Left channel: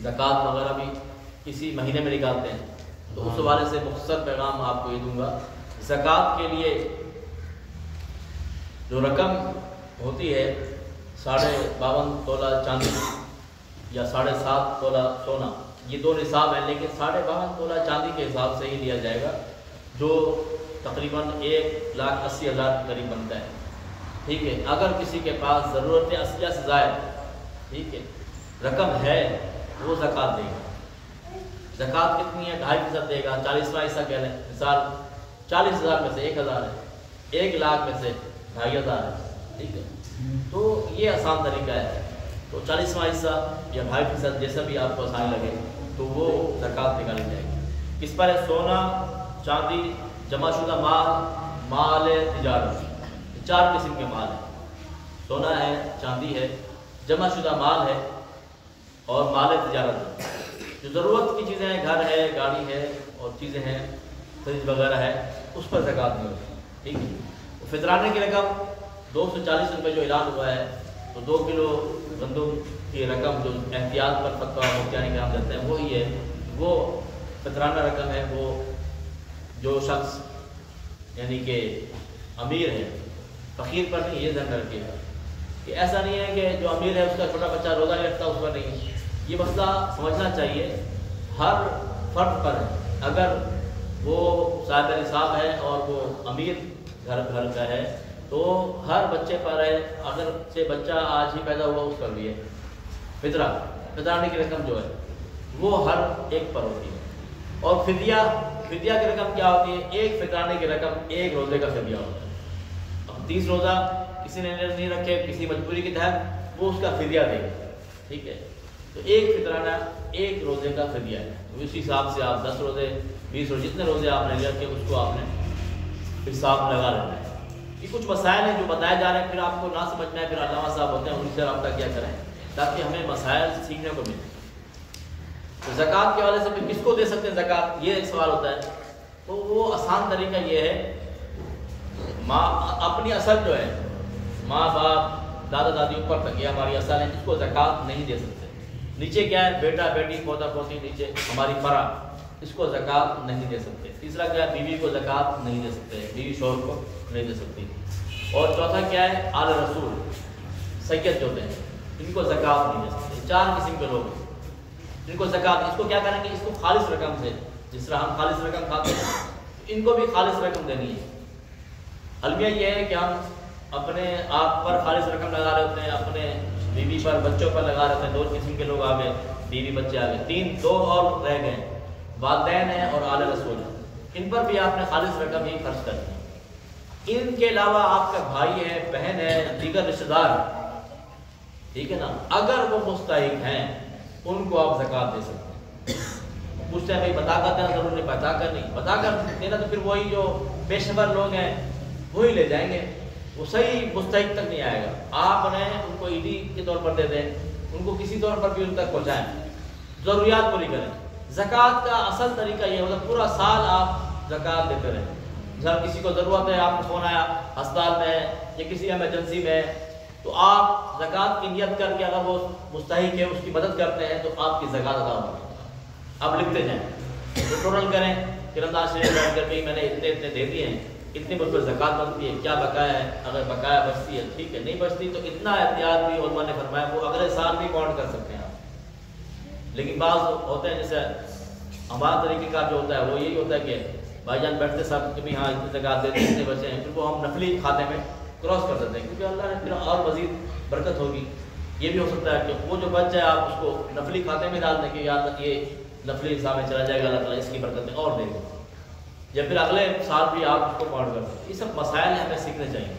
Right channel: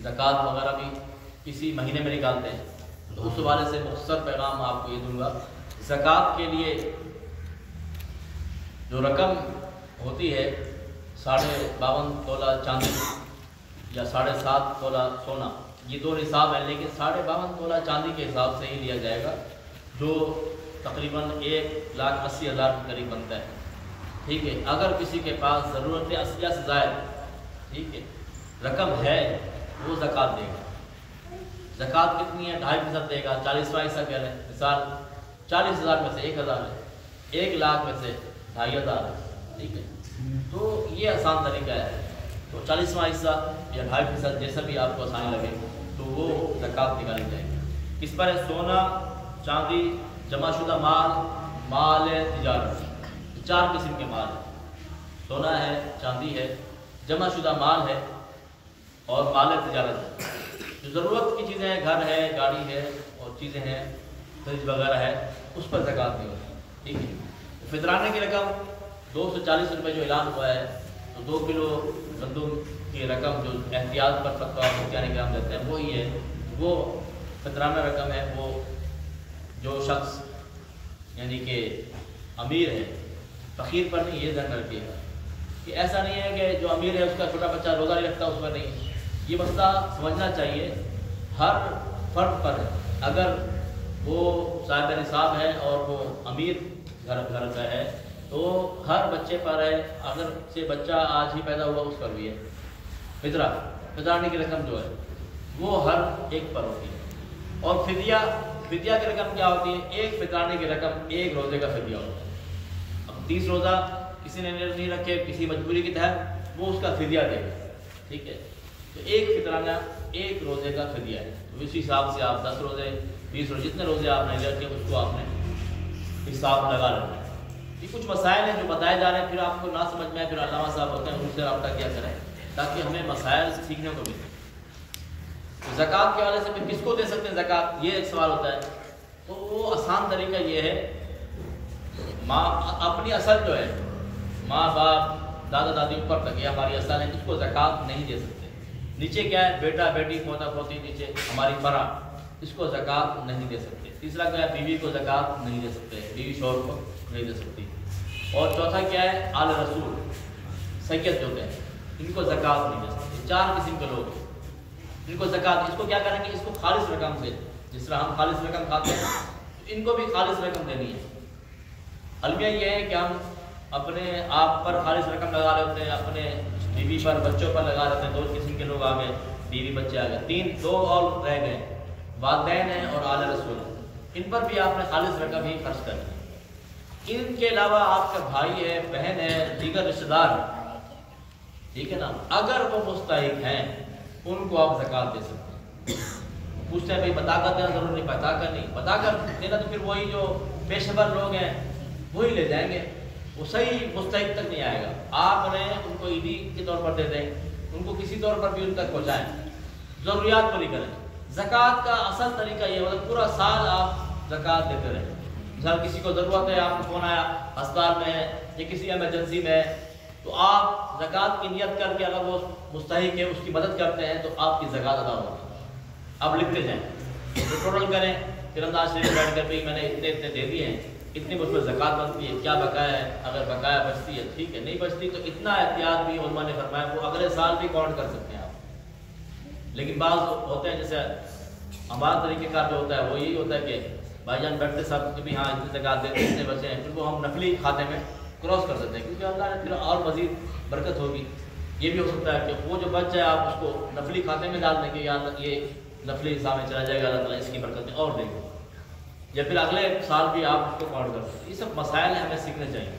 زکوٰۃ وغیرہ بھی اسی مہینے میں نکالتے ہیں. تو اس حوالے سے مختصر پیغام آپ کو یہ دوں گا. زکوٰۃ کے لیے جو رقم ہوتی ہے 52.5 تولہ چاندی یا 7.5 تولہ سونا، یہ دو نصاب ہیں، لیکن 52.5 تولہ چاندی کے حساب سے ہی لیا جائے گا، جو تقریباً 1,80,000 کے قریب بنتا ہے. ٹھیک ہے. اگر کسی کے پاس ضرورت اصلیہ سے زائد ٹھیک ہے رقم ہے وہ زکوٰۃ دے گا. زکوٰۃ کتنی ہے؟ 2.5% دے گا. 40واں حصہ کہہ رہے ہیں، مثال 40,000 میں سے 1,000 ہے، 1 لاکھ میں سے 2,500 ہے. ٹھیک ہے. تو یہ آسان طریقہ ہے. تو 40واں حصہ یا 2.5% جیسا بھی آپ کو آسان لگے تو وہ زکوٰۃ نکالی جائے گی. کس پر ہے؟ سونا، چاندی، جمع شدہ مال، مال تجارت. 4 قسم کے مال ہیں. سونا ہے، چاندی ہے، جمع شدہ مال ہے اور مال تجارت ہے. جو ضرورت کی چیزیں ہیں، گھر ہے، گاڑی ہے اور چیزیں ہیں، فریج وغیرہ ہے، اس پر زکوٰۃ نہیں ہوتی. ٹھیک ہے. فطرانے کی رقم 240 روپے جو اعلان ہوا ہے، تو 2 کلو گندم کی رقم جو احتیاط پر فتویٰ مفتیان کرام دیتے ہیں وہی ہے، وہ فطرانہ رقم ہے. وہ جو شخص یعنی کہ امیر ہے، فقیر پر نہیں، یہ ذہن رکھیے گا کہ ایسا نہیں ہے کہ جو امیر ہے اس کا چھوٹا بچہ روزہ نہیں رکھتا، اس پر نہیں. یہ مسئلہ سمجھنا چاہیے ہر فرد پر ہے. اگر وہ صاحب نصاب ہے اور وہ امیر گھر کا ہے تو ہر بچے پر ہے. اگر سے بچہ آج ہی پیدا ہوا اس پر بھی ہے. فطرانے کی رقم جو ہے وہ ہر ایک پر ہوتی ہے. اور فدیہ کی رقم کیا ہوتی ہے؟ ایک فطرانے کی رقم 1 روزے کا فدیہ ہوتا ہے. اب 30 روزہ کسی نے نہیں رکھے کسی مجبوری کے تحت، وہ اس کا فدیہ دے گا. ٹھیک ہے. تو ایک فطرانہ 1 روزے کا فدیہ ہے. تو اسی حساب سے آپ 10 روزے 20 روزے جتنے روزے آپ نے رکھے اس کو آپ نے حساب لگا لینا ہے. یہ کچھ مسائل ہیں جو بتائے جا رہے ہیں، پھر آپ کو نہ سمجھ میں پھر علامہ صاحب ہوتے ہیں ان سے رابطہ کیا کریں تاکہ ہمیں مسائل سیکھنے کو ملے. تو زکوٰۃ کے حوالے سے پھر کس کو دے سکتے ہیں زکوٰۃ؟ یہ ایک سوال ہوتا ہے. تو وہ آسان طریقہ یہ ہے، اپنی اصل جو ہے ماں باپ دادا دادی اوپر تک یہ ہماری اصل ہے، اس کو زکوٰۃ نہیں دے سکتے. نیچے کیا ہے؟ بیٹا بیٹی پوتا پوتی، نیچے ہماری فرا، اس کو زکوٰۃ نہیں دے سکتے. تیسرا کیا ہے؟ بیوی کو زکوٰۃ نہیں دے سکتے، بیوی شوہر کو نہیں دے سکتی. اور چوتھا کیا ہے؟ آل رسول سید جو ہوتے ہیں ان کو زکوٰۃ نہیں دے سکتے. 4 قسم کے لوگ ان کو زکوٰۃ، اس کو کیا کریں گے؟ اس کو خالص رقم سے، جس طرح ہم خالص رقم کھاتے ہیں ان کو بھی خالص رقم دینی ہے. المیہ یہ ہے کہ ہم اپنے آپ پر خالص رقم لگا رہے ہوتے ہیں، اپنے بیوی پر بچوں پر لگا رہے ہیں. 2 قسم کے لوگ آ گئے، بیوی بچے آ گئے. 2 اور رہ گئے، والدین ہیں اور آل رسول ہیں. ان پر بھی آپ نے خالص رقم ہی خرچ کرنی ہے. ان کے علاوہ آپ کا بھائی ہے، بہن ہے، دیگر رشتے دار، ٹھیک ہے نا، اگر وہ مستحق ہیں ان کو آپ زکوٰۃ دے سکتے ہیں. پوچھتے ہیں بھائی بتا کر دینا ضرور نہیں، بتا کر نہیں، بتا کر دینا تو پھر وہی جو پیشے ور لوگ ہیں وہی لے جائیں گے، وہ صحیح مستحق تک نہیں آئے گا. آپ نے ان کو عیدی کے طور پر دے دیں، ان کو کسی طور پر بھی ان تک پہنچائیں، ضروریات پوری کریں. زکوٰۃ کا اصل طریقہ یہ مطلب پورا سال آپ زکوٰۃ دیتے رہیں. مثلا کسی کو ضرورت ہے، آپ کو فون آیا ہسپتال میں یا کسی ایمرجنسی میں، تو آپ زکوٰۃ کی نیت کر کے اگر وہ مستحق ہے اس کی مدد کرتے ہیں تو آپ کی زکوٰۃ ادا ہوگی. آپ لکھتے جائیں، ٹوٹل کریں، پھر انداز سے بیٹھ کر کے میں نے اتنے دے دیے ہیں، اتنے مجھ پر زکوٰۃ بنتی ہے، کیا بقایا ہے؟ اگر بقایا بچتی ہے ٹھیک ہے، نہیں بچتی تو اتنا احتیاط بھی علماء نے فرمایا وہ اگلے سال بھی کاؤنٹ کر سکتے ہیں آپ. لیکن بعض ہوتے ہیں جیسے ہمارا طریقہ کار جو ہوتا ہے وہ یہی ہوتا ہے کہ بھائی جان بیٹھتے سب تمہیں ہاں اتنے زکوٰۃ دیتے اتنے بچے ہیں، پھر وہ ہم نفلی کھاتے میں کراس کر دیتے ہیں کیونکہ اللہ نے پھر اور مزید برکت ہوگی. یہ بھی ہو سکتا ہے کہ وہ جو بچ جائے آپ اس کو نفلی کھاتے میں ڈال دیں کہ یاد رکھیے نفلی حساب میں چلا جائے گا، اللہ تعالیٰ اس کی برکتیں اور دے گا، یا پھر اگلے سال بھی آپ اس کو کاؤنٹ کر. یہ سب مسائل ہمیں سیکھنے چاہیے.